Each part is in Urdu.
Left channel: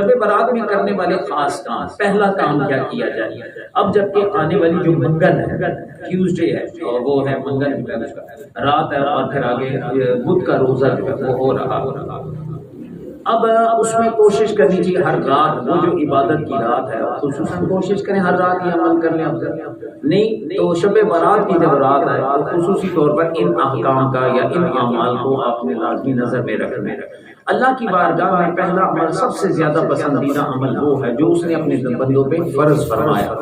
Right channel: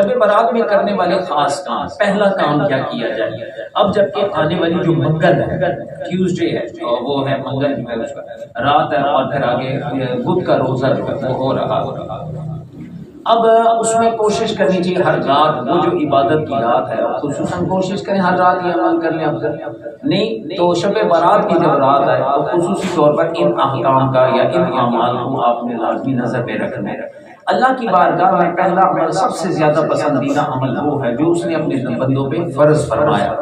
شب برات میں کرنے والے خاص کام، پہلا کام کیا کیا جائے؟ اب جبکہ آنے والی جو منگل ہے، ٹیوزڈے ہے، اور وہ ہے منگل جو ہے اس کا رات ہے، اور پھر آگے بدھ کا روزہ جو ہے وہ ہو رہا۔ اب اس میں کوشش کرنی چاہیے ہر رات، وہ جو عبادت کی رات ہے خصوصاً کوشش کریں ہر رات یہ عمل کر لیں۔ نہیں تو شب برات کی جب رات ہے تو خصوصی طور پر ان احکام کا یا ان اعمال کو آپ نے لازمی نظر میں رکھنا ہے۔ اللہ کی بارگاہ میں پہلا عمل، سب سے زیادہ پسندیدہ عمل وہ ہے جو اس نے اپنے بندوں پہ فرض فرمایا،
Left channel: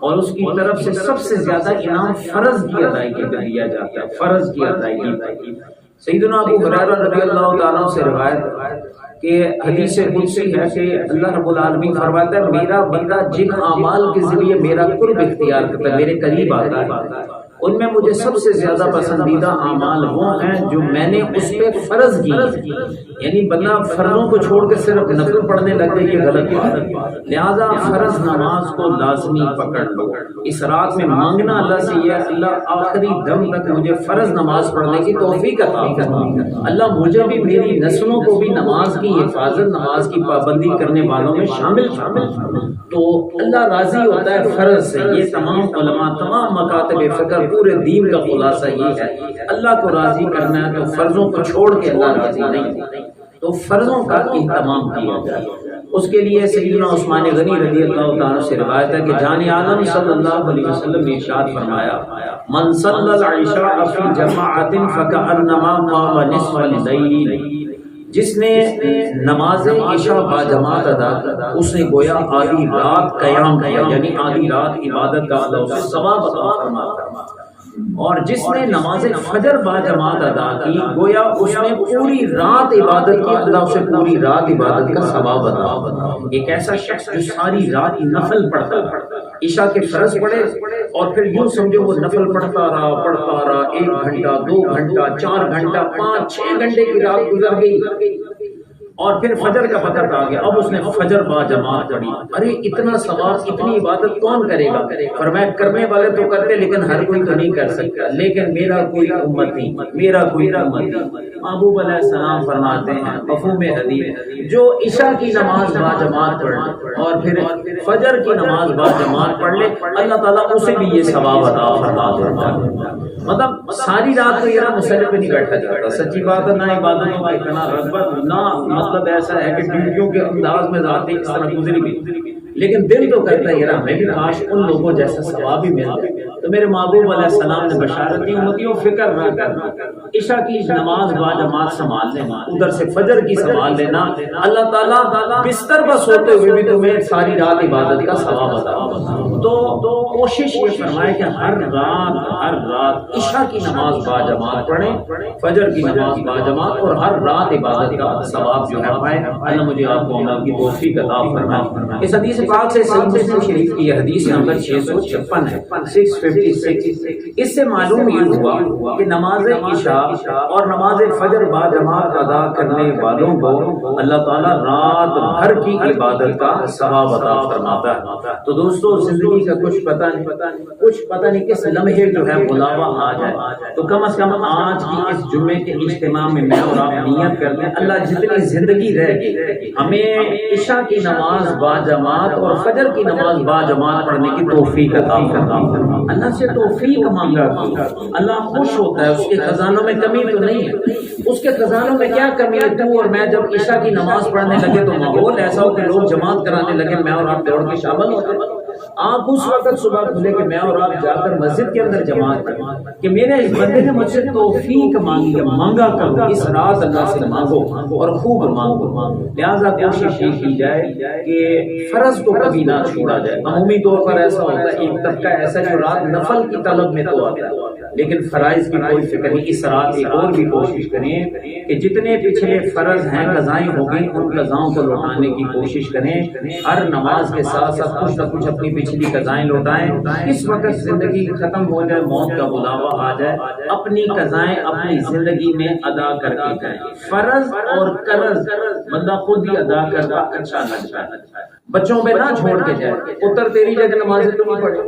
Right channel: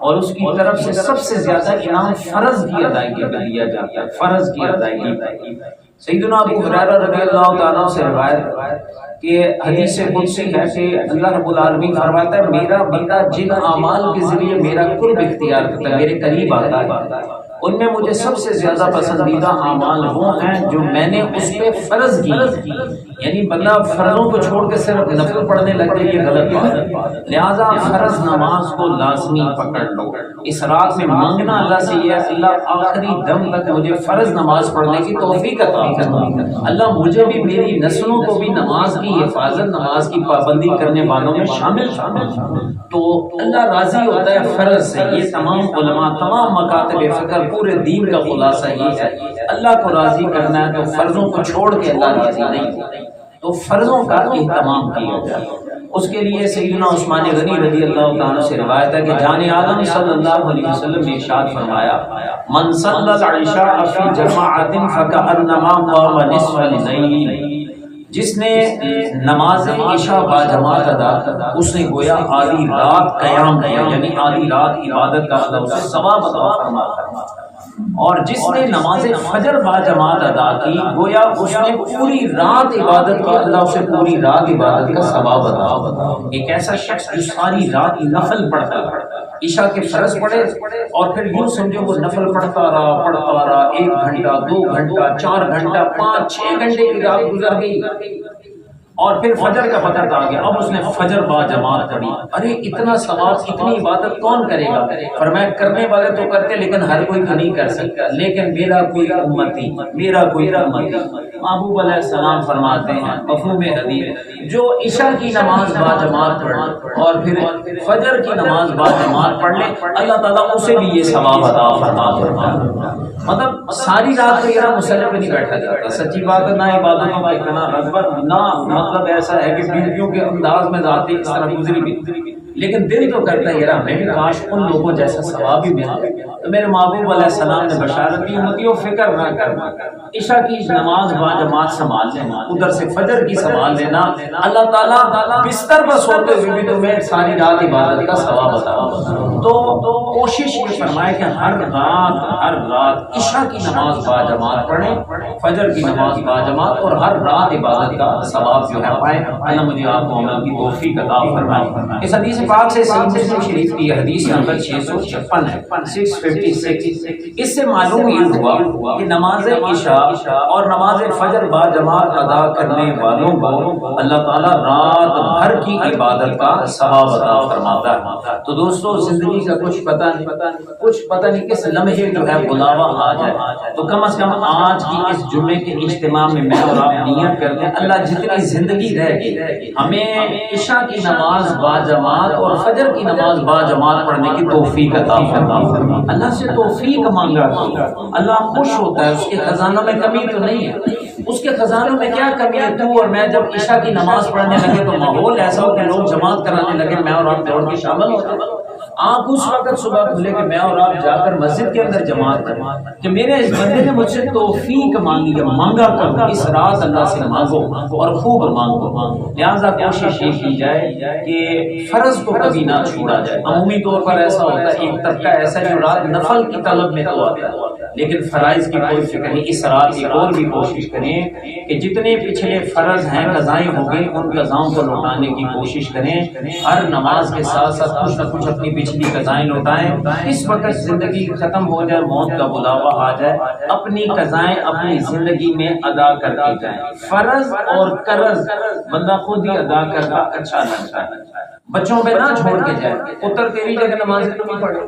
اور اس کی طرف سے سب سے زیادہ انعام فرض کی ادائیگی پہ دیا جاتا ہے، فرض کی ادائیگی۔ سیدنا ابو ہریرہ رضی اللہ تعالیٰ سے روایت کہ حدیث قدسی ہے کہ اللہ رب العالمین فرماتا ہے میرا بندہ جن اعمال کے ذریعے میرا قرب اختیار کرتا ہے، میرے قریب آتا ہے، ان میں مجھے سب سے زیادہ پسندیدہ اعمال وہ ہیں جو میں نے اس پہ فرض کی۔ یعنی بندہ فرضوں کو چھوڑ کے صرف نفل پڑھنے لگ جائے، یہ غلط بات ہے۔ لہٰذا فرض نماز کو لازمی پکڑ لو۔ اس رات میں مانگنا اللہ سے یہ ہے اللہ آخری دم تک مجھے فرض نماز پڑھنے کی توفیق عطا فرما، اللہ مجھے بھی میری نسلوں کو بھی نماز کی حفاظت، نماز کی پابندی کرنے والوں میں شامل فرما۔ تو اللہ راضی ہوتا ہے فرض سے۔ یہ تمام علماء، تمام مکاتب فکر، پورے دین کا خلاصہ یہ ہے اللہ کو راضی کرنا ہے تو فرضوں کو چھوڑ کے اللہ راضی نہیں، تو فرضوں کا اہتمام کیا جائے۔ اس کے لیے سیدنا عثمان غنی رضی اللہ تعالیٰ سے روایت ہے کہ جان عالم صلی اللہ علیہ وسلم نے ارشاد فرمایا من صلی العشاء فی جماعت فکأنما قام نصف اللیل، جس نے نماز عشاء باجماعت ادا کرا اس نے گویا آدھی رات قیام کیا، یعنی آدھی رات عبادت کا اللہ اسے ثواب عطا فرماتا ہے۔ اور جس نے نماز فجر باجماعت ادا کی گویا اس نے پوری رات عبادت کی، اللہ اسے پوری رات عبادت کا ثواب عطا۔ ایک ایسا شخص جو ساری رات نفل پڑھتا ہے، عشاء کے فرض پڑھے اور پھر یوں سمجھو وہ نفل پڑھتا رہا 1 گھنٹہ 2 گھنٹہ 4 گھنٹہ 5 6 گھنٹے کی رات گزر گئی، اور پھر فجر کا وقت آ گیا، اب اس نے فجر با جماعت پڑھی۔ ارے اتنا ثواب، اتنی عبادت کون کرے گا؟ فرمایا کرنے والے تو کرتے لیکن ہر کوئی تو نہیں کر سکتا، لیکن میرا کوئی امتی، میرا کوئی امتی۔ محبوب علیہ السلام فرماتے ہیں مفہوم حدیث جو عشاء کی نماز با جماعت پڑھ اور پھر فجر کی نماز با جماعت پڑھ لے اللہ تعالیٰ اسے بھی یہ ثواب عطا فرماتا۔ مطلب ساری رات میرا مسلح پہ نہیں بیٹھا جاتا، سچی بات ہے، نہ عبادتوں کا اتنا رغبت، نہ مطلب ایسا ہے کہ ڈیوٹیوں کے انداز میں ذاتی اس طرح گزری بھی، لیکن دل تو کرتا ہے یار ہمیں بھی کاش ان لوگوں جیسا ثواب ہی ملے۔ تو میرے محبوب علیہ السلام نے بشارت دی امتیوں فکر نہ کرنا، عشاء کی نماز با جماعت سنبھال لینا، ادھر سے فجر کی سنبھال لینا، اللہ تعالیٰ بستر پر سوتے ہوئے بھی تمہیں ساری رات عبادت کا ثواب عطا۔ تو کوشش یہ فرمائے کہ ہر رات عشاء کی نماز با جماعت پڑھیں، فجر کی نماز با جماعت، اور ہر رات عبادت کا ثواب جو ہے پائیں۔ اللہ مجھے آپ کو عمل کی توفیق عطا فرمائے۔ اس حدیث پاک سے صحیح مسلم شریف کی حدیث نمبر 656 ہے، 656۔ اس سے معلوم یہ ہوا کہ نماز عشاء اور نماز فجر با جماعت ادا کرنے والوں کو اللہ تعالیٰ رات بھر کی عبادت کا ثواب عطا فرماتا ہے۔ تو دوستو زندگی کا کچھ پتہ نہیں کس لمحے جو ہے بلاوا آ جائے، تو کم از کم آج کی اس جمعے کے اجتماع میں میں اور آپ نیت کر لیں اللہ جتنی زندگی رہ گئی ہمیں عشاء کی نماز با جماعت اور فجر کی نماز با جماعت پڑھنے کی توفیق عطا فرما۔ اللہ سے توفیق مانگا، اللہ خوش ہوتا ہے، اس کے خزانوں میں کمی تو نہیں ہے۔ اس کے خزانوں میں کیا کمی ہے؟ تو اور میں جب عشاء کی نماز پڑھنے لگے تو ماحول ایسا ہو کہ لوگ جماعت کرانے لگے، میں اور آپ دوڑ کے شامل ہوتے ہیں۔ آپ اس وقت صبح کھلے کہ میں اور آپ جا کر مسجد کے اندر جماعت کریں کہ میرے اس بندے نے مجھ سے توفیق مانگی ہے، مانگا کرو اس رات اللہ سے مانگو اور خوب مانگو۔ لہٰذا کوشش یہ کی جائے کہ فرض کو کبھی نہ چھوڑا جائے۔ عمومی طور پر ایسا ہوتا ہے ایک طبقہ ایسا جو رات نفل کی طلب میں تو آتا ہے لیکن فرائض کی کوئی فکر نہیں۔ اس رات ایک اور بھی کوشش کریں کہ جتنے پچھلے فرض ہیں قضائیں ہو گئی ان قضاؤں کو لوٹانے کی کوشش کریں۔ ہر نماز کے ساتھ ساتھ کچھ نہ کچھ اپنی پچھلی قضائیں لوٹائیں۔ اس وقت زندگی ختم ہو جائے، موت کا بلاوا آ جائے، اپنی قضائیں اپنی زندگی میں ادا کر کے جائیں۔ فرض اور قرض بندہ خود ہی ادا کرتا اچھا لگتا ہے، بچوں پہ نہ چھوڑ کے جائے، پتر تیری جگہ نماز نہیں پڑھے،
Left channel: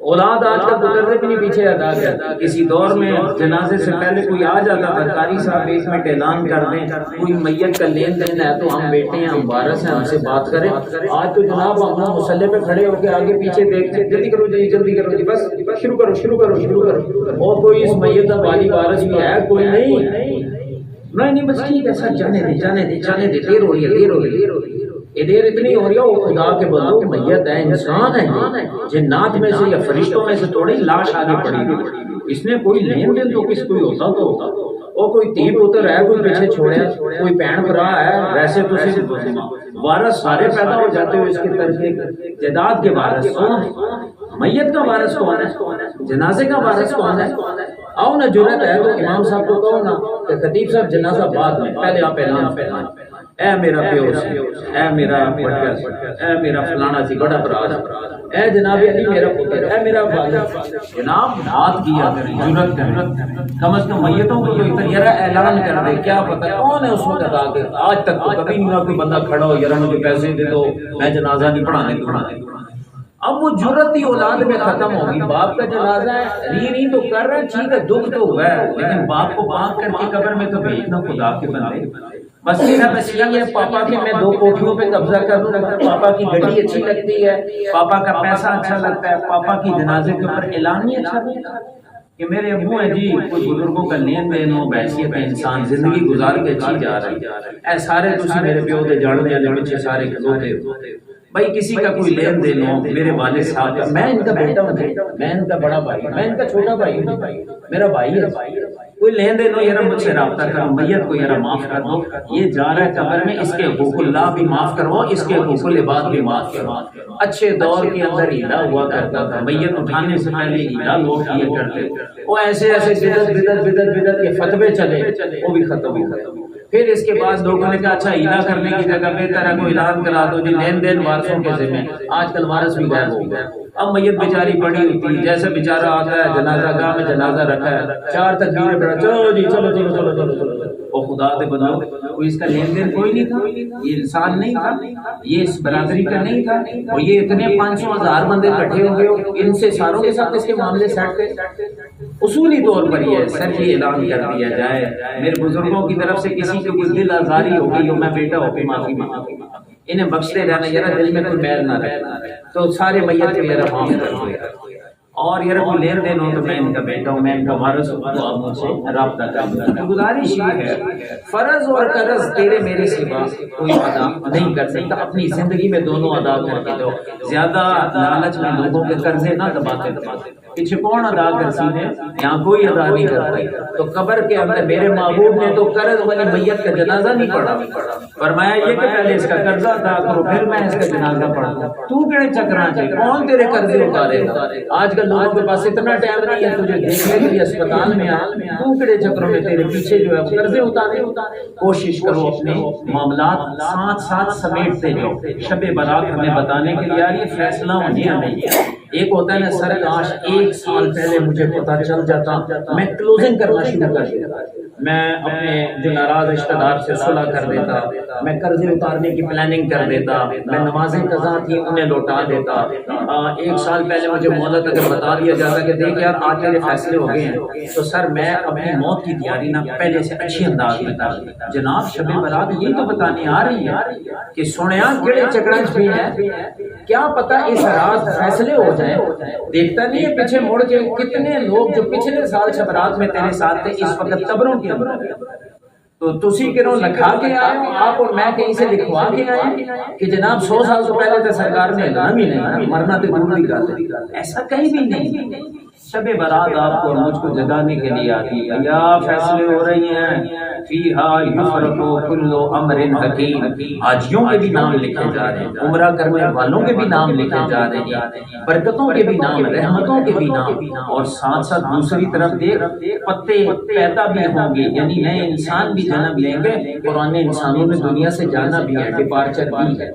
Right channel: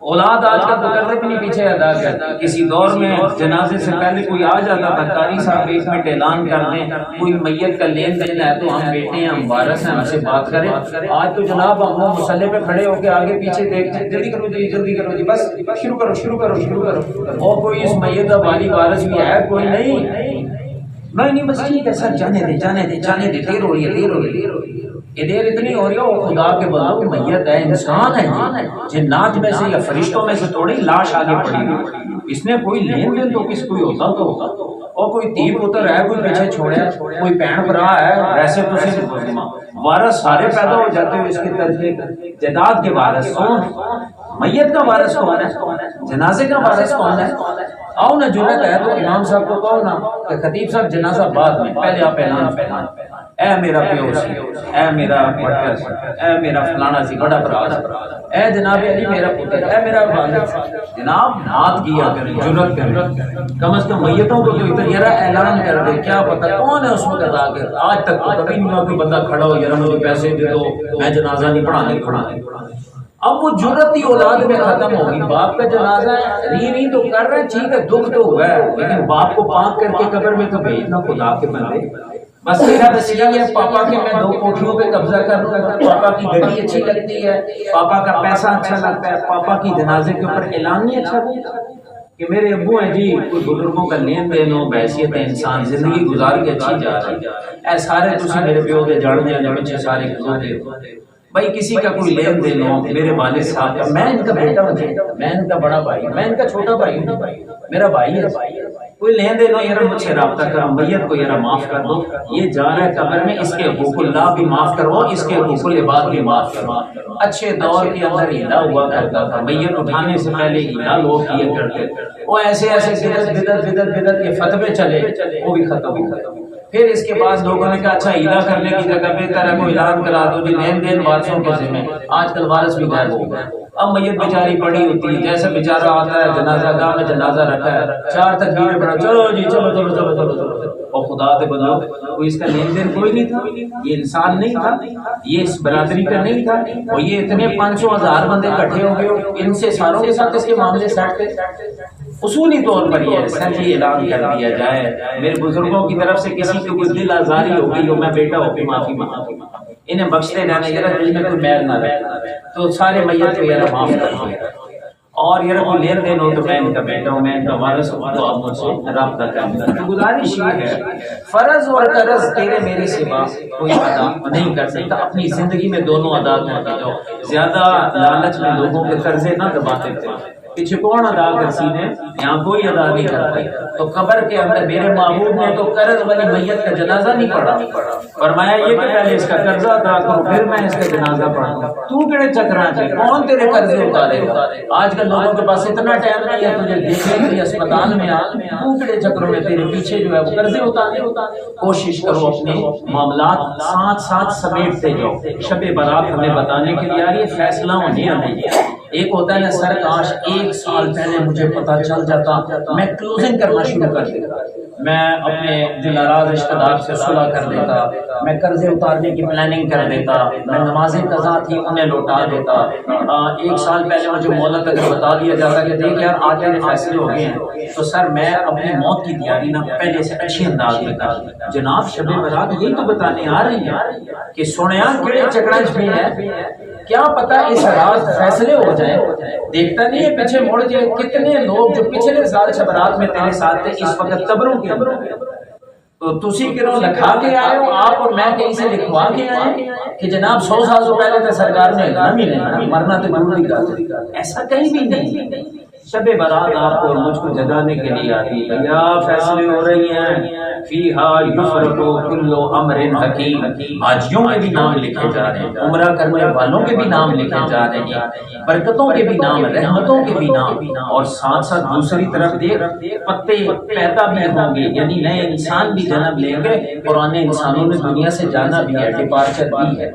اولاد آج کل تو قرضے بھی نہیں پیچھے ادا کرتی. کسی دور میں جنازے سے پہلے کوئی آ جاتا تھا، قاری صاحب 1 منٹ اعلان کر دیں کوئی میت کا لین دین ہے تو ہم بیٹے ہیں، ہم وارث ہیں، ہم سے بات کریں. آج تو جناب ہم مصلی پہ کھڑے ہو کے آگے پیچھے دیکھتے ہیں، جلدی کرو جی جلدی کرو جی، بس شروع کرو شروع کرو شروع کرو. اور کوئی اس میت کا والی وارث بھی ہے کوئی نہیں بس ٹھیک ہے سر، جانے دے جانے دے جانے دے، دیر ہو رہی ہے دیر ہو رہی ہے. یہ دیر اتنی ہو رہی ہے، وہ خدا کے بندو میت ہے، انسان ہے، یہ جنات میں سے یا فرشتوں میں سے تھوڑی لاش آگے پڑی ہوئی. اس نے کوئی لین دین تو کس کوئی ہوتا تو ہوتا، اور کوئی تھی پتر ہے کوئی پیچھے چھوڑے، کوئی بہن بھرا ہے. ویسے تو صرف وارث سارے پیدا ہو جاتے ہوئے اس کے ترجیح جائیداد کے وارث کون ہے؟ میت کا وارث کون ہے؟ جنازے کا وارث کون ہے؟ آؤ نا جنت ہے تو امام صاحب کو کہو نا کہ خطیب صاحب جنازہ بعد میں، پہلے آپ اعلان اے میرا پیو سی، اے میرا پٹر، اے میرا فلانا سی بڑا براج، اے جناب علی میرا پتر، اے میرا والد. جناب بات کیا کریں، جرت کریں، کم از کم میتوں کو کوئی طریقہ اعلان کر دے. کیا پتہ کون ہے اس وقت آ کے. آج تک تو کبھی نہیں ہوا کوئی بندہ کھڑا ہو یار مجھے پیسے دے دو میں جنازہ نہیں پڑھانے. اب وہ جرت ہی اولاد میں ختم ہوگی. باپ کا جنازہ ہے ری تو کر رہا ہے، ٹھیک ہے دکھ تو ہوا ہے، لیکن باپ کو پاک کر کے قبر میں تو بھیجنا خدا کے بندے. بس میرا بس یہی ہے پاپا کے میں 2 کوٹھیوں پہ قبضہ کر لوں گا، پاپا کی گاڑی اچھی لگتی ہے، پاپا کا پیسہ اچھا لگتا ہے، پاپا کی جنازے کے اوپر اعلان نہیں اچھا ہوتا کہ میرے ابو ہیں جی، کوئی بزرگوں کا لین دین ہو، بحیثیت انسان زندگی گزار کے اچھی جا رہی ہے. اے سارے تسی میرے پیو دے جڑنے والے بچے سارے کھلوتے بھائی، کسی کا کوئی لین دین ہو، میرے والد صاحب کا، میں ان کا بیٹا ہوں، میں ان کا بڑا بھائی، میں ان کا چھوٹا بھائی ہوں، میرا بھائی ہے، کوئی لین دین ہو یار مجھ سے رابطہ کرو، میت کو یار معاف کر دو، یہ جا رہا ہے قبر میں، اس کے حقوق اللہ بھی معاف کرو، اس کے حقوق العباد بھی معاف کرو. اچھے دور کے اندر ہیلا ہوا کرتا تھا، میت اٹھانے سے پہلے ہیلا لوگ کیا کرتے، وہ ایسے ایسے بدعت کے فتوے چلے، وہ بھی ختم ہو گئے. پھر اس کے بعد لوگوں نے کہا اچھا ہیلا کرنے کی جگہ بہتر ہے کوئی اعلان کرا دو جی لین دین وارثوں کے ذمہ. آج کل وارث بھی غائب ہو گئے. اب میت بیچاری پڑی ہوتی ہے، جیسے بیچارہ آتا ہے جنازہ گاہ میں جنازہ رکھا ہے، 4 تکبیریں پڑھا، چلو جی چلو چلو چلو چلو چلو. اور خدا دے بندو کوئی اس کا لین دین کوئی نہیں تھا، یہ انسان نہیں تھا، یہ اس برادری کا نہیں تھا، اور یہ اتنے 500,000 بندے اکٹھے ہو گئے، ان سے ساروں کے ساتھ اس کے معاملے سیٹ تھے. اصولی طور پر یہ سچی اعلان کر دیا جائے میرے بزرگوں کی طرف سے کسی کی کوئی دل آزاری ہو گئی ہو، میں بیٹا ہو کے معافی مانگتا ہوں، انہیں بخشتے جانے ذرا دل میں کوئی میل نہ رہے تو سارے میت کو ذرا معاف کر دیا. اور یہ کوئی لین دین ہو تو میں ان کا بیٹا ہوں، میں ان کا وارث ہوں، تو آپ مجھ سے رابطہ کریں. گزارش یہ ہے فرض اور قرض تیرے میرے سوا کوئی ادا نہیں کر سکتا، اپنی زندگی میں دونوں ادا کر کے جاؤ. زیادہ لالچ میں لوگوں کے قرضے نہ دباتے تھے پیچھے کون ادا کر سیدھے، یہاں کوئی ادا نہیں کر پائی. تو قبر کے اندر میرے محبوب نے تو قرض والی میت کا جنازہ نہیں پڑھا، فرمایا یہ کہ پہلے اس کا قرضہ ادا کرو پھر میں اس کا جنازہ پڑھوں. تو کہڑے چکراں چ کون تیرے قرضے اتارے گا؟ آج کل لوگوں کے پاس اتنا ٹائم نہیں ہے تجھے دیکھنے کے لیے اسپتال میں آئے، تو کہڑے چکروں میں تیرے پیچھے جو ہے قرضے اتارے. کوشش کرو اپنے معاملات ساتھ ساتھ سمیٹتے جاؤ. شب برات ہمیں بتانے کے لیے آ رہی ہے، فیصلہ ہونے آنے. ایک ہوتا ہے سر کاش 1 سال پہلے مجھے پتہ چل جاتا، میں کلوزنگ کرنا شروع کر دیتا، میں اپنے جو ناراض رشتہ دار سے صلح کر دیتا، میں قرضے اتارنے کی پلاننگ کر دیتا، میں نمازیں قضا تھی انہیں لوٹا دیتا. 1 سال پہلے مجھے مہلت اگر بتا دیا جاتا کہ دیکھ یار آج تیرے فیصلے ہو گئے ہیں تو سر میں اپنی موت کی تیاری نہ پہلے سے اچھی انداز میں کر. جناب شب برات یہی تو بتانے آ رہی ہے کہ سنیا کیڑے چکرانچ میں ہے، کیا پتہ اس رات فیصلے ہو جائیں. دیکھتا نہیں ہے پیچھے مڑ کے کتنے لوگ جو پچھلے سال شب رات میں تیرے ساتھ تھے اس وقت قبروں کے اندر. تو تسی کرو لکھا کے آئے ہو آپ اور میں کہیں سے لکھوا کے آئے کہ جناب 100 سال تو پہلے تو سرکار نے اعلان ہی نہیں، مرنا تو دور کی بات ہے، ایسا کہیں بھی نہیں. شب برات آپ کو اور مجھ کو جگانے کے لیے آتی ہے. کیا فیصلے ہو رہی ہیں، فیہا یفرق کل امر حکیم. حاجیوں کے بھی نام لکھے جا رہے ہیں، عمرہ کرنے والوں کے بھی نام لکھے جا رہے ہیں، برکتوں کے بھی نام، رحمتوں کے بھی نام، اور ساتھ ساتھ دوسری طرف دیکھ پتے پیدا بھی ہوں گے، یعنی نئے انسان بھی جنم لیں گے، پرانے انسانوں نے دنیا سے جانا بھی ہے، ڈپارچر بھی ہے.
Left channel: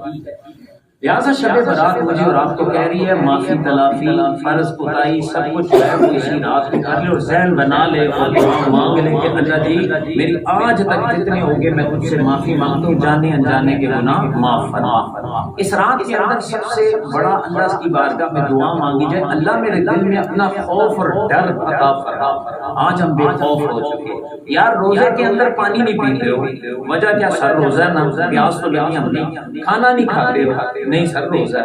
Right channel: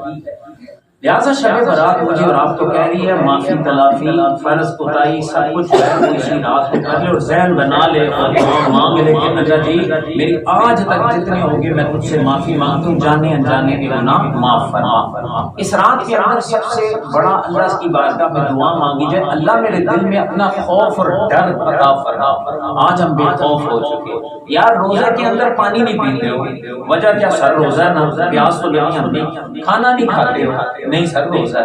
لہٰذا شب برات مجھے اور آپ کو کہہ رہی ہے معافی تلافی فرض کوتاہی سب کچھ ہے اسی رات کو کر لے اور ذہن بنا لے اور دعا مانگ لے کہ اللہ جی میری آج تک جتنے ہو گئے میں تجھ سے معافی مانگتا ہوں، جانے انجانے کے گناہ معاف فرما۔ اس رات کے اندر سب سے بڑا اللہ کی بارگاہ میں دعا مانگی جائے اللہ میرے دل میں اپنا خوف اور ڈر عطا فرما۔ آج ہم بے خوف ہو چکے یار، روزے کے اندر پانی نہیں پیتے ہو، وجہ کیا؟ سر روزہ نہ پیاس تو نہیں، ہم نہیں کھانا نہیں کھاتے ہو، نہیں سر روزہ۔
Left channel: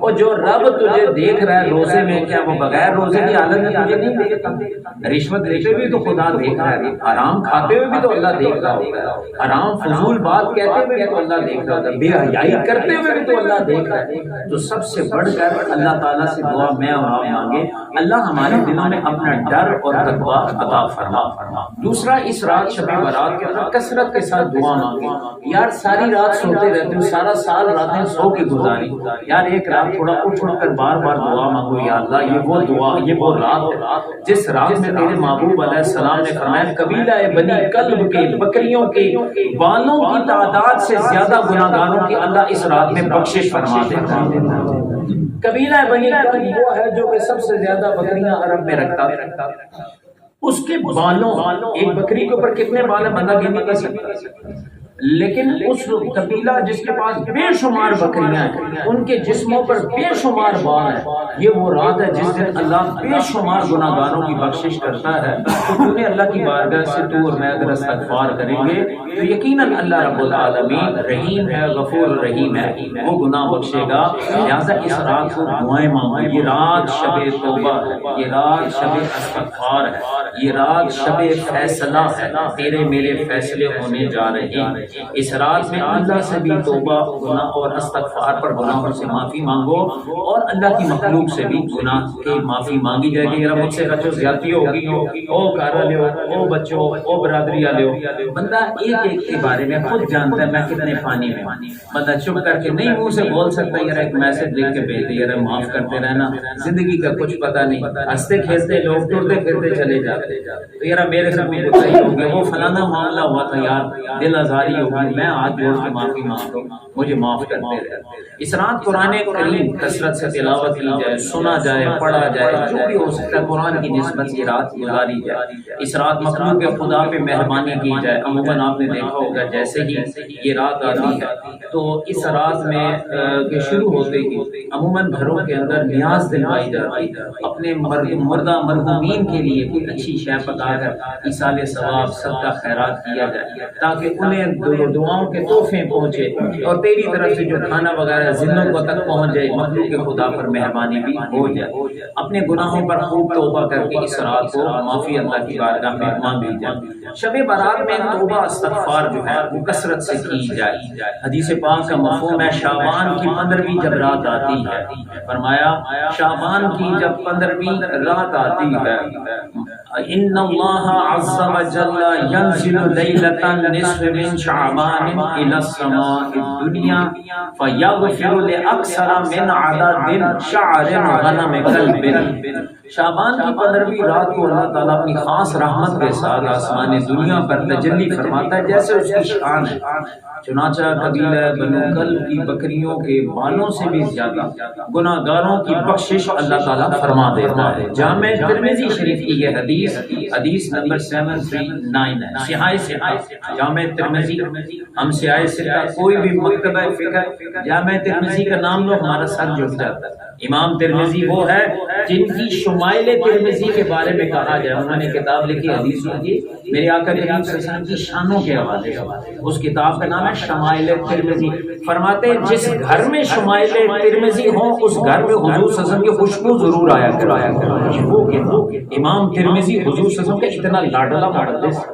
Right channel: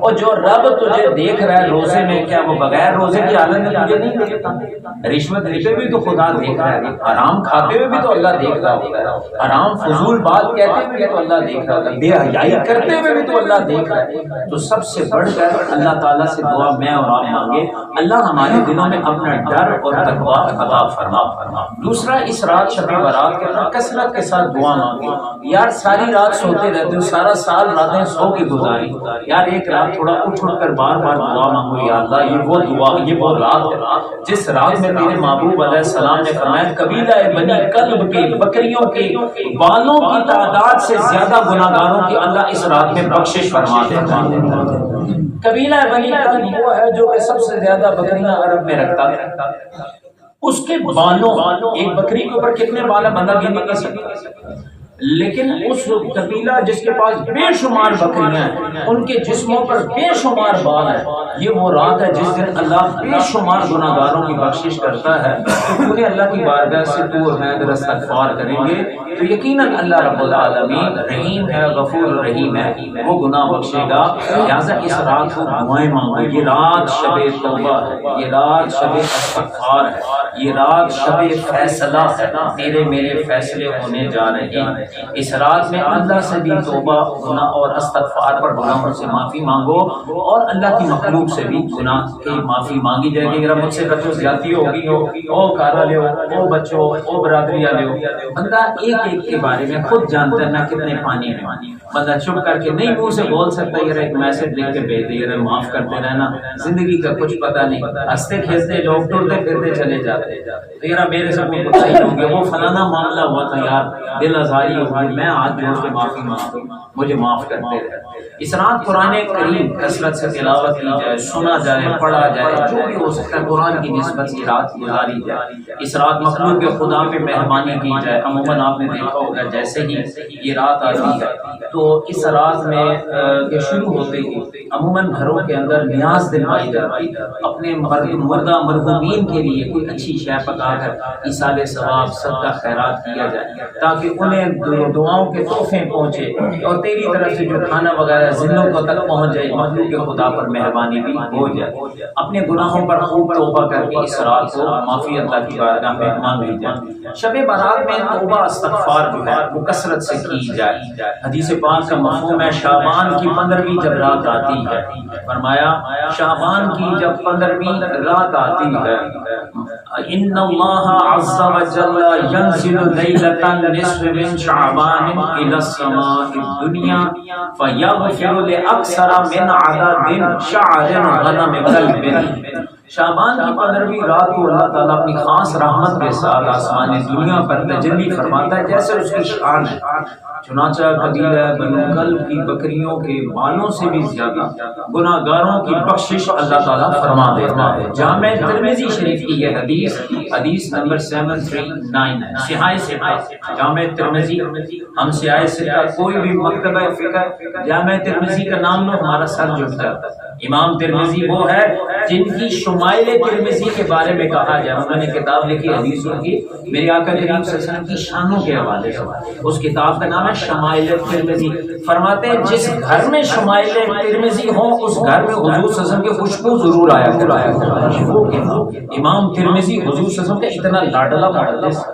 اور جو رب تجھے دیکھ رہا ہے روزے میں، کیا وہ بغیر روزے کی حالت میں تجھے نہیں دیکھتا؟ رشوت دیتے ہوئے تو خدا دیکھ رہا ہے، حرام کھاتے ہوئے بھی تو اللہ دیکھ رہا ہوگا، حرام فضول بات کہتے ہوئے بھی تو اللہ دیکھ رہا ہوگا، بے حیائی کرتے ہوئے بھی تو اللہ دیکھ رہا ہے۔ تو سب سے بڑھ کر اللہ تعالیٰ سے دعا میں اور آپ مانگے اللہ ہمارے دلوں میں اپنا ڈر اور تقویٰ عطا فرما۔ دوسرا، اس رات شب برات کے اندر کثرت کے ساتھ دعا مانگے۔ یار ساری رات سوتے رہتے ہو، سارا سال راتیں سو کے گزاری، یار ایک رات تھوڑا اٹھ کر بار بار دعا مانگو، یا اللہ یہ وہ دعا، یہ وہ رات ہے جس رات میں تیرے محبوب علیہ السلام نے فرمایا قبیلہ بنی کلب کے بکریوں کے بالوں کی تعداد سے زیادہ گناہگاروں کی اللہ اس رات میں بخشش فرما دیتا ہے۔ قبیلہ بنی کلب وہ ہے جو کہ سب سے زیادہ بکریاں عرب میں رکھتا ہے، اس کے بالوں، ایک بکری کے اوپر کتنے بال ہیں بندہ گن نہیں کر سکتا، لیکن اس قبیلہ جس کے پاس بے شمار بکریاں ہیں ان کے جسموں پر بے شمار بال ہیں، یہ وہ رات ہے جس دن اللہ بے شمار گناہگاروں کی بخشش کرتا ہے۔ تو کیونکہ اللہ کی بارگاہ سے تو اور میں اگر استغفار کریں گے تو یقیناً اللہ رب العالمین رحیم ہے، غفور رحیم ہے، وہ گناہ بخشے گا۔ لہٰذا اس رات کو دعائیں مانگو، یہ رات شب توبہ ہے، یہ رات شب استغفار ہے، یہ رات شب فیصلہ ہے، تیرے میرے فیصلے ہونے جا رہے ہیں۔ اس رات میں اللہ سے بھی توبہ گناہ اور استغفار پر گناہوں سے معافی مانگو، اور اللہ کی مخلوق سے بھی گناہ کی معافی مانگی جائے گی۔ اگر مجھ سے بچوں زیادتی ہوگی او گھر والے ہو، او بچوں، او برادری والے ہو، بندہ ایک ایک کے بارے میں خود جانتا ہے میں کتنے پانی میں، بندہ چپ کر کے نہیں منہ سے بول سکتا یار ایک میسج لکھ کے بھیج دے یار معاف کرتے رہنا، زندگی کا کچھ پتہ نہیں، ہنستے کھیلتے لوگ ٹرتے پھرتے چلے جاتے، تو یار میرے سے کوئی صحیح ہو گیا، وہ فلانا معاملہ ہوا تھا یار دل آزاری ہوگی، میں ہاتھ جوڑ کے معافی مانگتا ہوں، مجھے معاف کرتے رہے۔ اس رات قرآن کریم کثرت سے تلاوت کی جائے، سنا جائے، پڑھا جائے، جو بھی ہو سکتا ہے قرآن کی نسبت یہ رات گزاری جائے۔ اس رات مخلوق کے خدا پہ مہربانی کی جائے۔ عموماً آپ نے دیکھا ہوگا جیسے ہی یہ رات آتی ہے تو اس رات میں شروع ہوتے ہی عموماً گھروں کے اندر نیاز دلوائی جاتی ہے، اپنے مردہ مرحومین کے لیے کوئی اچھی شے پکا کر ایصال ثواب صدقہ خیرات کیا جائے تاکہ انہیں دعاؤں کے تحفے پہنچے، اور تیری طرف سے جو کھانا وغیرہ ذلوں کو تک پہنچ جائے، مخلوق کے خدا پر مہربانی بھی ہو جائے۔ اپنے گناہوں پر خوب توبہ کر کے اس رات کو معافی اللہ کی بارگاہ میں مانگی جائے۔ شب برات میں توبہ استغفار جو ہے وہ کثرت سے کی جائے۔ حدیث پاک کا مفہوم ہے شعبان کی 15ویں جب رات آتی ہے، فرمایا شعبان کی جب 15ویں رات آتی ہے، ان اللہ عز وجل ينزل ليلة النصف من شعبان الى السماء الدنيا فيغفر لاكثر من عدد شعر غنم قلب۔ شعبان کی 15ویں رات کو اللہ تعالیٰ اپنی خاص رحمت کے ساتھ آسمان دنیا پر تجلی فرماتا ہے جیسے اس کی شان ہے۔ چنانچہ قبیلہ بنو کلب کی بکریوں کے بالوں سے بھی زیادہ گناہگاروں کی بخشش اللہ تعالیٰ فرما دیتا ہے۔ جامع ترمذی شریف کی یہ حدیث نمبر 739 ہے، صحاح ستہ جامع ترمذی۔ ہم صحاح ستہ کوئی بھی مکتبہ فقہ جامع ترمذی کا نام لو ہمارا سر جھک جاتا ہے۔ امام ترمذی وہ ہے جن کی شمائل ترمذی کے بارے میں کہا جائے، انہوں نے کتاب لکھی حدیثوں کی میرے آقا کریم صلی اللہ علیہ وسلم کی شانوں کے حوالے سے، اس کتاب کا نام ہے شمائل ترمذی۔ فرماتے ہیں جس گھر میں شمائل ترمذی ہوں اس گھر میں حضور صلی اللہ علیہ وسلم کی خوشبو ضرور آیا کرے۔ امام ترمذی حضور صلی اللہ علیہ وسلم کا اتنا لاڈلا محدث،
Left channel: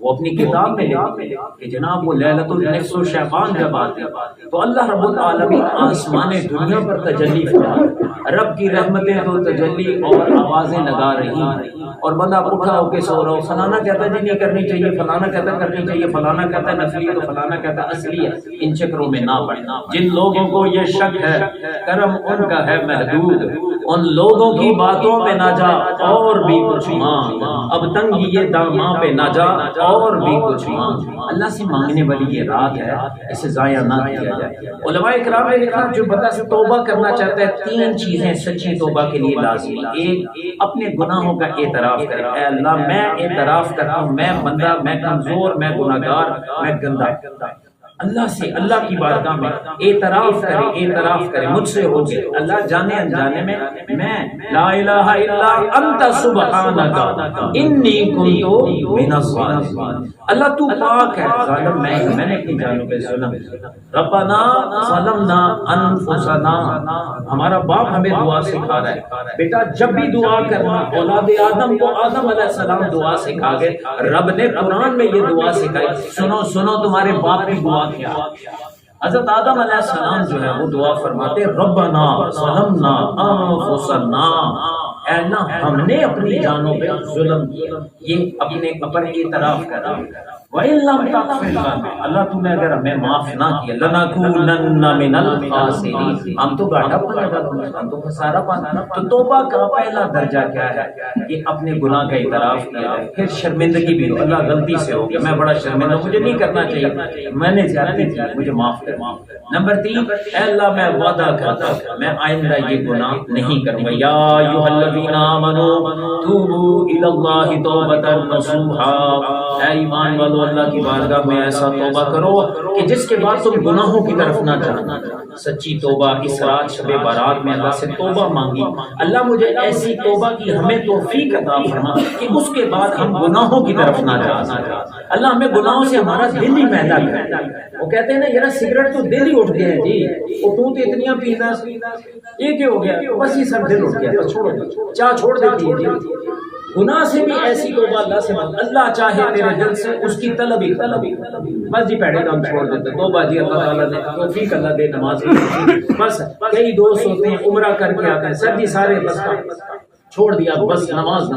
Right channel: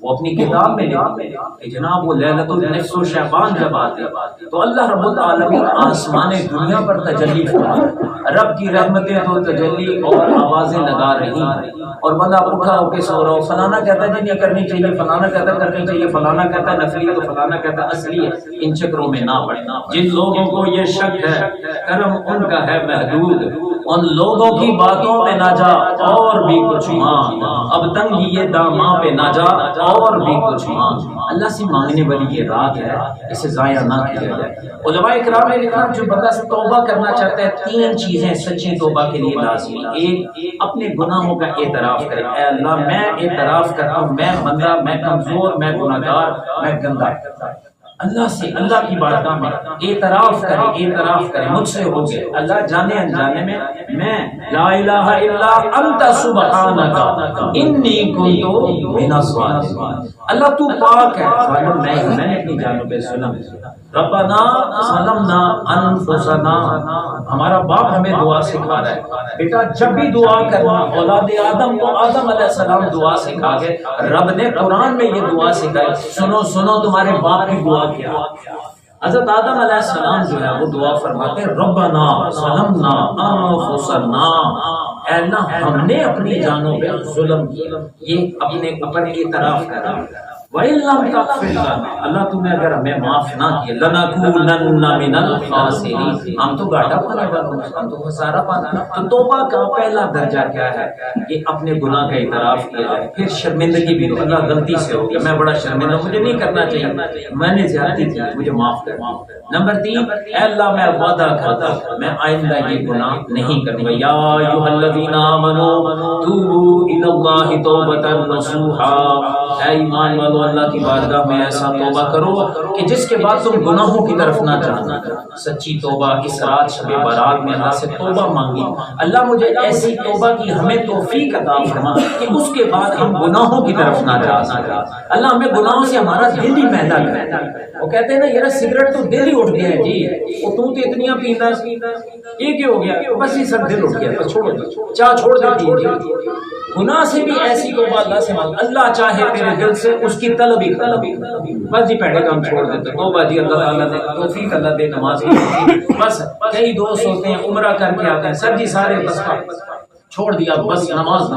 وہ اپنی کتاب میں لکھا کہ جناب وہ لیلۃ النصف و شعبان جب آتی تو اللہ رب العالمین آسمان دنیا پر تجلی فرماتا، رب کی رحمتیں تو تجلی اور آوازیں لگا رہی ہیں، اور بندہ اٹھا ہو کے سو رہا ہو، فلانا کہتا جی نہیں کرنی چاہیے، فلانا کہتا کرنی چاہیے، فلانا کہتا نفلی ہے تو فلانا کہتا اصلی ہے۔ ان چکروں میں نہ پڑنا۔ جن لوگوں کو یہ شک ہے کرم ان کا ہے محدود، ان لوگوں کی باتوں پہ نہ جا اور بھی کچھ مانگ، اب تنگی یہ داماں پہ نہ جا اور بھی کچھ مانگ۔ اللہ سے مانگنے والی یہ رات ہے، اسے ضائع نہ کیا جائے۔ علماء کرام نے لکھا جو بندہ توبہ کرنا چاہتا ہے 3 چیزیں سچی توبہ کے لیے لازمی۔ ایک، اپنے گناہوں کا اعتراف کرے، اے اللہ میں اعتراف کرتا ہوں میں بندہ، میں کمزور، میں گناہگار، میں گندا۔ اللہ سے، اللہ کی بارگاہ میں اعتراف کرے مجھ سے ہو گئے، اللہ جانے انجانے میں لا الہ الا انت سبحانک انی کنت من الظالمین، اللہ تو پاک ہے، ظالم میں نے اپنی جانوں پہ ظلم، ربنا ظلمنا انفسنا، ہمارا باپ ہمیں دعا سکھا رہا ہے بیٹا جب بھی دعا کرنا، اولاد آدم کو آدم علیہ السلام دعا سکھا گئے، رب نے قرآن میں یہ دعا سکھائی، سنو تمہارے باپ کی دعا کیا۔ حضرت آدم علیہ السلام جو ہے وہ دعا فرماتے ربنا ظلمنا انفسنا، اے اللہ ہم نے اپنی جانوں پہ ظلم کیا، یہ اپنے اوپر اعتراف کرا، وَإِن لَّمْ تَغْفِرْ لَنَا، اللہ تم نے اگر ہمیں معاف نہ کیا، لَنَكُونَنَّ مِنَ الْخَاسِرِينَ، ہم تو گھاٹا پانے والے، ہم تو خسارہ پانا۔ تو توبہ کا پہلا درجہ کیا ہے کہ اپنے گناہ کا اعتراف کیا جائے، پھر شرمندگی بھی، اللہ غلطی سے ہو گیا، میں بڑا شرمندہ، مجھے نہیں کرنا چاہیے، میں نے زیادتی کی، مجھے معاف کر۔ نمبر 3، اے اللہ میں وعدہ کرتا ہوں میں آئندہ یہ گناہ نہیں کروں گا، یا ایھا الذین آمنوا توبوا الی اللہ توبۃ نصوحا، اے ایمان والو اللہ کی بارگاہ میں ایسا توبہ کرو کہ جس کے بعد تم گناہوں کی طرف نہ جانا۔ سچی توبہ، اس رات شب برات میں اللہ سے توبہ مانگی، اللہ مجھے ایسی توبہ کی ہمیں توفیق عطا فرما کہ اس کے بعد ہم گناہوں کی طرف نہ جا سکیں، اللہ ہمیں گناہوں سے ہمارا دل ہی میلا کرے۔ وہ کہتے ہیں نا یار سگریٹ تو دل ہی اٹھ گیا ہے جی، وہ تو اتنیاں پیتا یہ کیا ہو گیا، بس یہ سب دل اٹھ گیا، بس چھوڑ دو، چاہ چھوڑ دیتی ہے جی۔ گناہ سے بھی ایسی توبہ اللہ سے مانگ، اللہ چاہے تیرے دل سے اس کی طلب ہی بس جی پیڑے کام چھوڑ دیتے، توبہ جی اللہ تعالیٰ نے توفیق اللہ دے، نماز بس کئی دوست ہوتے ہیں عمرہ کر کے آتے ہیں، سر جی سارے بس چھوڑ دیا، بس نماز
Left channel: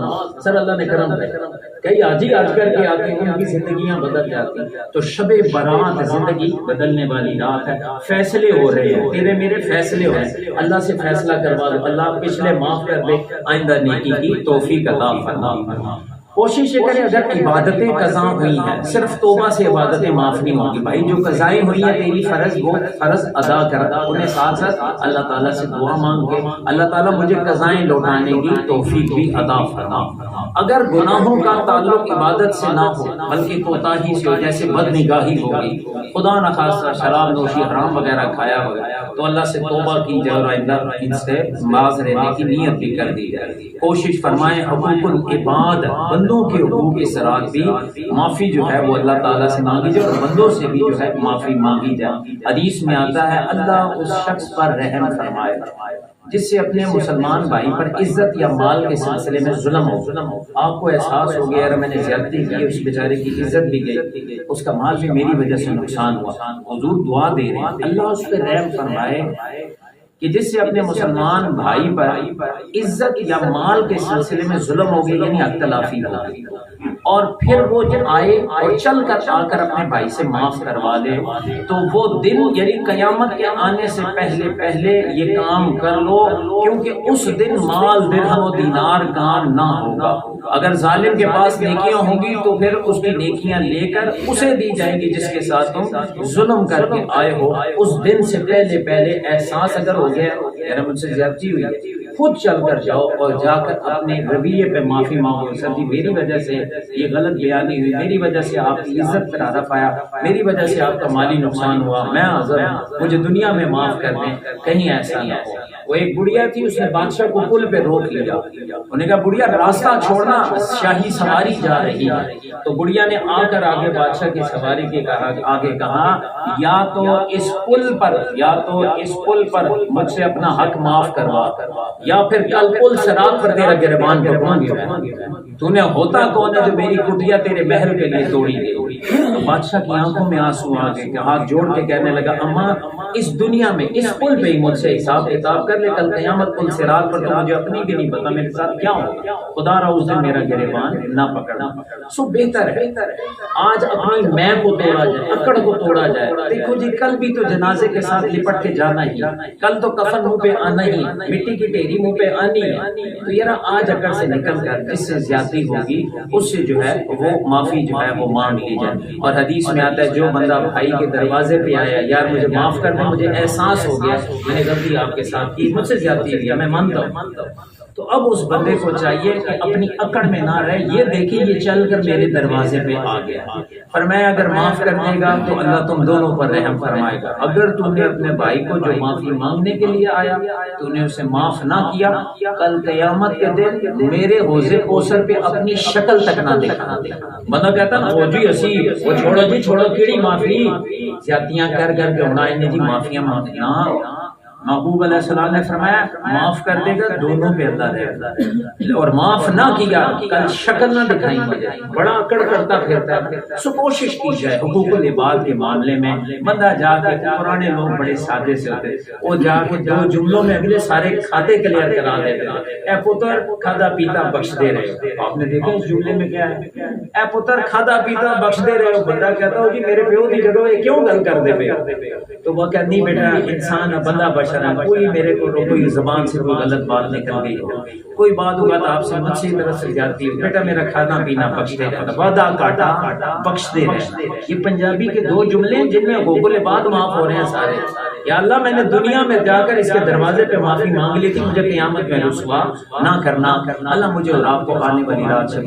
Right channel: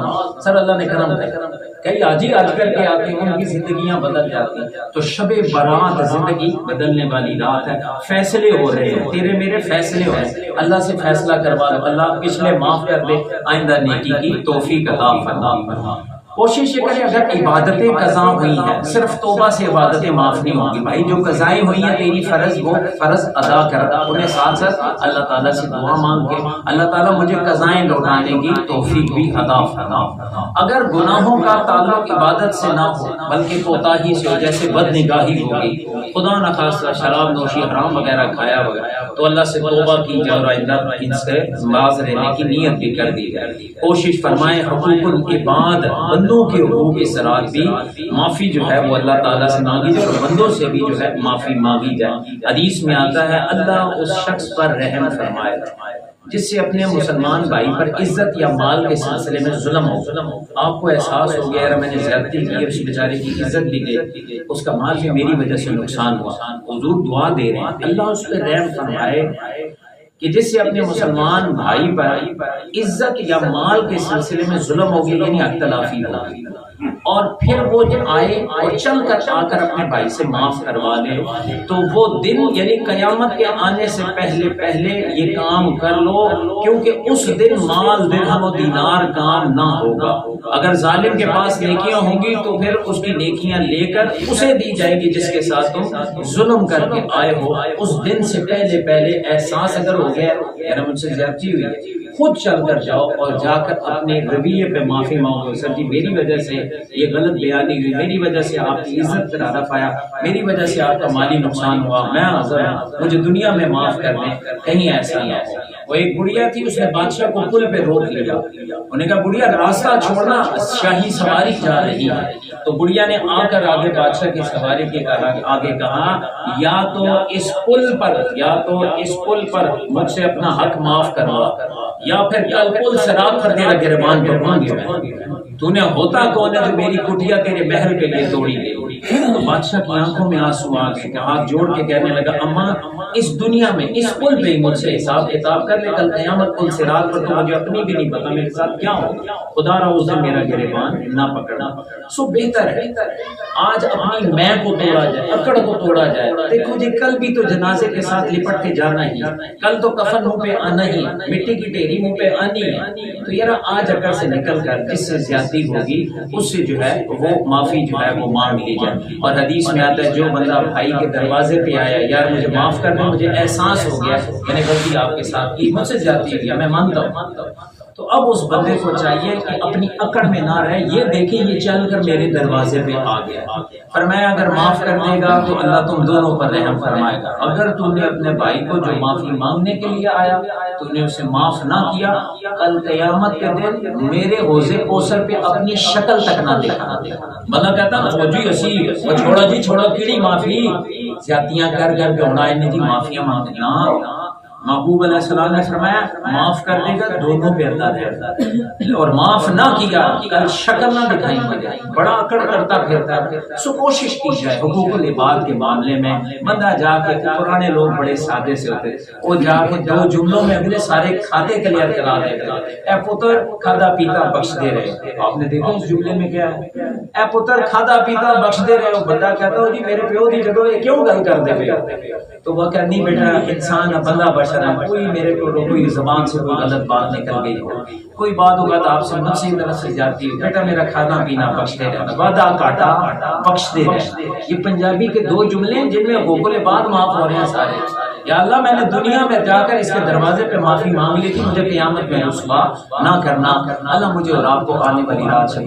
سر اللہ نے کرم کیا، کئی آج کر کے آتے ہیں، ان کی زندگیاں بدل جاتی ہیں۔ تو شب برات زندگی بدلنے والی رات ہے، فیصلے ہو رہے ہیں، تیرے میرے فیصلے ہیں، اللہ سے فیصلہ کروا دو، اللہ پچھلے معاف کر دے، آئندہ نیکی کی توفیق عطا فرما۔ کوشش یہ کریں اگر عبادتیں قضا ہوئی ہیں، صرف توبہ سے عبادتیں معاف نہیں ہوں گی بھائی، جو قضائیں ہوئی ہیں تیری فرض، وہ فرض ادا کر، انہیں ساتھ ساتھ اللہ تعالیٰ سے دعا مانگ کے اللہ تعالیٰ مجھے قضائیں لوٹانے کی توفیق بھی عطا فرما۔ اگر گناہوں کا تعلق عبادت سے نہ ہو بلکہ کوتاہی سے ہو، جیسے بد نگاہی ہوگی، خدا نخواستہ شراب نوشی حرام وغیرہ کھایا ہوا، تو اللہ سے توبہ کی جائے اور آئندہ ان سے باز رہنے کی نیت بھی کر دی جائے۔ کوشش فرمائیں حقوق العباد، بندوں کے حقوق اس رات بھی معافی جو ہے وہ اللہ تعالیٰ سے مانگی جائے اور بندوں سے بھی جو ہے معافی مانگی جائے۔ حدیث میں آتا ہے اللہ اس شخص پر رحم فرمائے جس سے اپنے مسلمان بھائی پر عزت یا مال کے سلسلے میں ظلم ہو، آپ کو احساس ہو گیا اگر میں نے زیادتی کی، اس بیچارے کی عزت بھی گئی، اس کا مال بھی میری وجہ سے نقصان ہوا، حضور دعا دے رہے ہیں اللہ اس پہ رحم فرمائے کہ جس سے اپنے مسلمان بھائی پر عزت یا مال کے سلسلے میں ظلم ہو گیا، یعنی اختلافی ہو گئی، اور پھر وہ جب آئے اور چل کر آ کر اپنے بھائی سے معاف کروا لے، تو وہ دن یعنی قیامت کے آنے سے پہلے یہ کام کر لو، کیونکہ اس دن مال درہم و دینار کام نہ ہوگا۔ اگر ظالم کے پاس نیکیاں ہوں گی تو پھر اس کی نیکیاں لے کر اسے دی جائیں گی جس کے ساتھ تم ظلم کر کے آئے ہو۔ اس دن سے پہلے احساس اگر ہو گیا میرا مجھ سے زیادتی ہوئی، خود چل کر جاؤ اور جا کر اپنے رویے پہ معافی مانگو، سر جی میری وجہ سے یہ غلط بیانی ہوئی، میری وجہ سے آپ کی عزت پر ہدف آیا، میری وجہ سے آپ کا مالی نقصان ہوا، میں عذر ہوں، مجھے دنیا میں معاف کر دیں، کہیں ایسا نہ ہو۔ وہ ایک بڑھیا تھی، اس نے بادشاہ کو پل پہ روک لیا، انہوں نے کہا بڑھیا راستہ چھوڑنا، شاہی سواری جا رہی ہے۔ تو بڑھیا نے آ کر آگے بادشاہ کی سواری کے آگے کہا یا تو اس پل پر مجھ سے اپنا حق معاف کروا، یا پھر کل پل صراط پر تیرا گریبان ٹوٹوں گی، تو نے ہوتا کون ہے جو میری کٹیا تیرے محل کے لیے توڑی گئی۔ بادشاہ کی آنکھوں میں آنسو آ گئے کہ ہاتھ جوڑ کے کہنے لگا اماں اس دنیا میں اس پل پہ ہی مجھ سے حساب کتاب کر لے، کل قیامت پل صراط پر تو مجھے اپنی بھی نہیں پتا میرے ساتھ کیا ہوگا، خدا را اس دن میرا گریبان نہ پکڑنا۔ سو بہتر ہے آج اپنی میں کو توڑا جائے، اکڑ کو توڑا جائے۔ دیکھو جی کل بھی تو جنازے کے ساتھ لپٹ کے جانا ہی، کل تو کفن منہ پہ آنا ہی، مٹی کی ڈھیری منہ پہ آنی ہے، تو یار آج اکڑ سے نکل کر جس سے زیادتی ہوگی اس سے جو ہے وہ معافی جو ہے وہ مانگ لی جائے۔ اور حدیث میں آتا ہے جو بندہ بھائی کے دروازے پہ آیا، یار مجھے معاف کر دیں، مجھے احساس ہو گیا میں نے غلطی آپ کے ساتھ کی، مجھ سے زیادتی ہوئی ہے، میں مانتا ہوں، تو اب اس بندے کو چاہیے کہ اپنی اکڑ میں نہ رہے، یہ دیکھیں یہ چل کر میرے دروازے پہ آ گیا، فرمایا اگر معاف کر دے گا تو اللہ تم دونوں پر رحم فرمائے گا، اگر تم نے اپنے بھائی کو جو معافی مانگنے کے لیے آیا تو نے اسے معاف نہ کیا، کل قیامت کے دن میرے حوض کوثر پہ اپنی شکل تک نہ دکھانا۔ بندہ کہتا نا فوجی اسی وہ چھوڑا جی چھوڑا کیڑی معافی، زیادتیاں کر کر کے ہونا انہیں جی معافیاں مانگتے نہ۔ محبوب علیہ السلام نے فرمایا معاف کر دے گا دونوں پہ اللہ رہتا ہے، اور معاف نہ کیا کل شکل نہ دکھائی مجھے، بڑا اکڑ کرتا پھرتا ہے۔ سو کوشش کی جائے حقوق العباد کے معاملے میں بندہ جا کے، پرانے لوگ بڑے سادے سے ہوتے، وہ جا کے دو جملوں میں اگلے سارے کھاتے کلیئر کرا دیتے، اے پتر کھادا پیتا بخش دے رہے ہو۔ آپ نے دیکھا اس جملے میں کیا ہے، اے پتر کھادا پیتا بخش دے رہے ہو، بندہ کہتا ہو جی میرے پیو دی جگہ یہ کیوں گل کر دے پے، تو وہ کہ نہیں بیٹا انسان بندہ بشر ہے، کوئی میرے کو کوئی زبان سے کوئی غلط بات نکل گئی ہو، کوئی بات ہوگا تو آپ سے مجھ سے طرف سے جاتی ہو، بیٹا میرا کھانا پینا بخش دے رہا، وعدہ کاٹا بخش دے رہا۔ یہ پنجابی کے دو جملے ہیں جن میں حقوق العباد معاف ہو رہے ہیں سارے۔ یا اللہ میں نے دنیا میں جا کر اس کے دروازے پہ معافی مانگ لی تھی، مجھے قیامت میں رسوا نہ کرنا، اللہ مجھے اور آپ کو آنے والی رات سے